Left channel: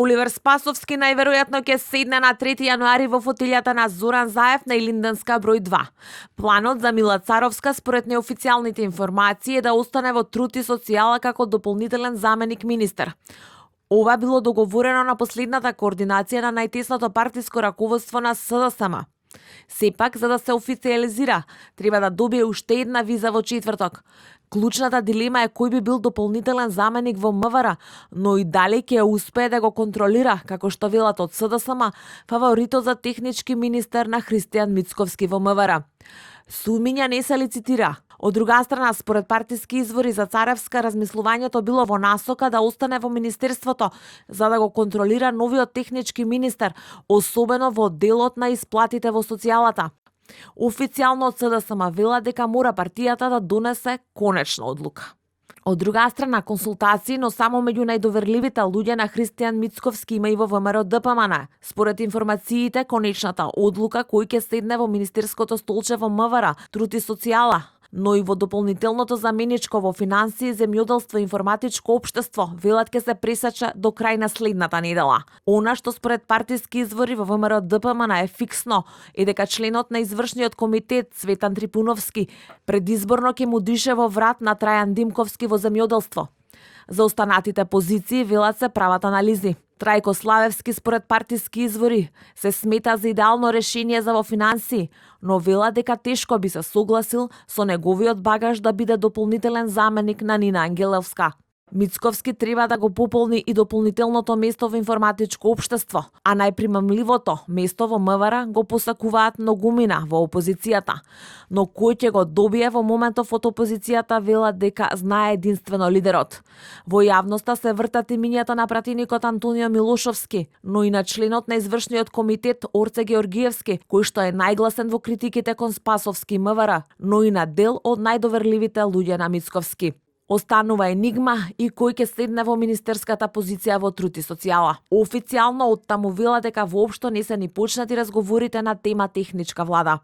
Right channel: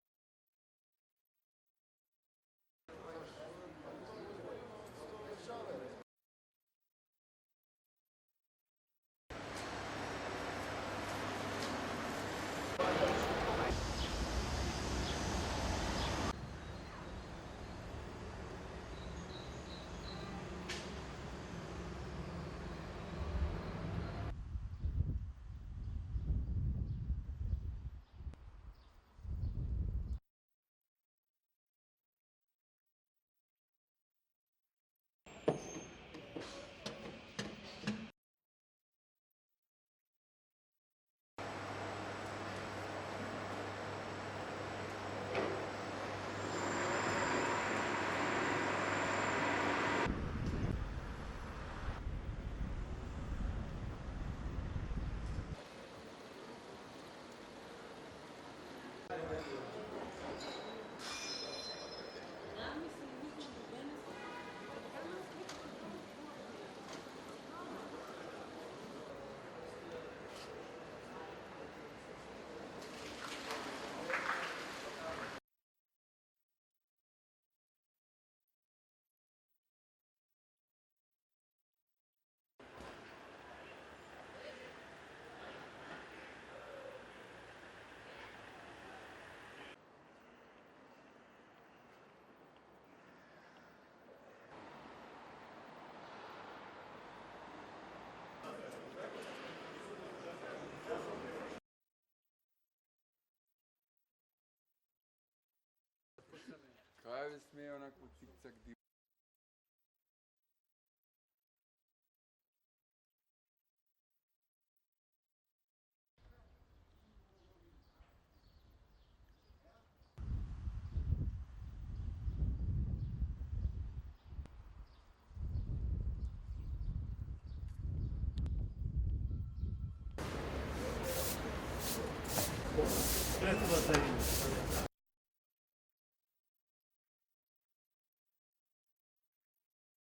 Оливер Спасовски најверојатно ќе седне на 3 јануари во фотилјата на Зоран Заев на Илинденска број 2. Планот за Мила Царовска според неофицијалните информации е да остане во труд и социјала како дополнителен заменик министер. Ова било договорено на последната координација на најтесното партиско раководство на СДСМ. Сепак, за да се официализира, треба да добие уште една виза во четврток. Клучната дилема е кој би бил дополнителен заменик во МВР, но и дали ќе успее да го контролира, како што велат од СДСМ, фаворитот за технички министер на Христијан Мицковски во МВР. Сумиња не се лицитира. Од друга страна, според партиски извори за Царевска, размислувањето било во насока да остане во министерството, за да го контролира новиот технички министер, особено во делот на исплатите во социјалата. Официјално од СДСМ вела дека мора партијата да донесе конечна одлука. Од друга страна, консултации, но само меѓу најдоверливите луѓе на Христијан Мицковски има и во ВМРО ДПМН. Според информациите, конечната одлука кој ќе седне во министерското столче во МВР, труд и социјала, но и во дополнителното заменичко во финансии, земјоделство и информатичко општество, велат ќе се пресече до крај на следната недела. Она што според партиски извори во ВМРО ДПМН е фиксно е дека членот на извршниот комитет Цветан Трипуновски предизборно ќе му дише во врат на Трајан Димковски во земјоделство. За останатите позиции велат се прават анализи. Трајко Славевски според партиски извори се смета за идеално решение за во финансии, но вела дека тешко би се согласил со неговиот багаж да биде дополнителен заменик на Нина Ангеловска. Мицковски треба да го пополни и дополнителното место во информатичко општество, а најпримамливото место во МВР го посакуваат многумина во опозицијата. Но кој ќе го добие во моментов од опозицијата велат дека знае единствено лидерот. Во јавноста се вртат имињата на пратеникот Антонио Милошовски, но и на членот на извршниот комитет Орце Георгиевски, кој што е најгласен во критиките кон Спасовски МВР, но и на дел од најдоверливите луѓе на Мицковски. Останува енигма и кој ќе седне во министерската позиција во труд и социјала. Официјално од таму вела дека воопшто не се ни почнати разговорите на тема техничка влада.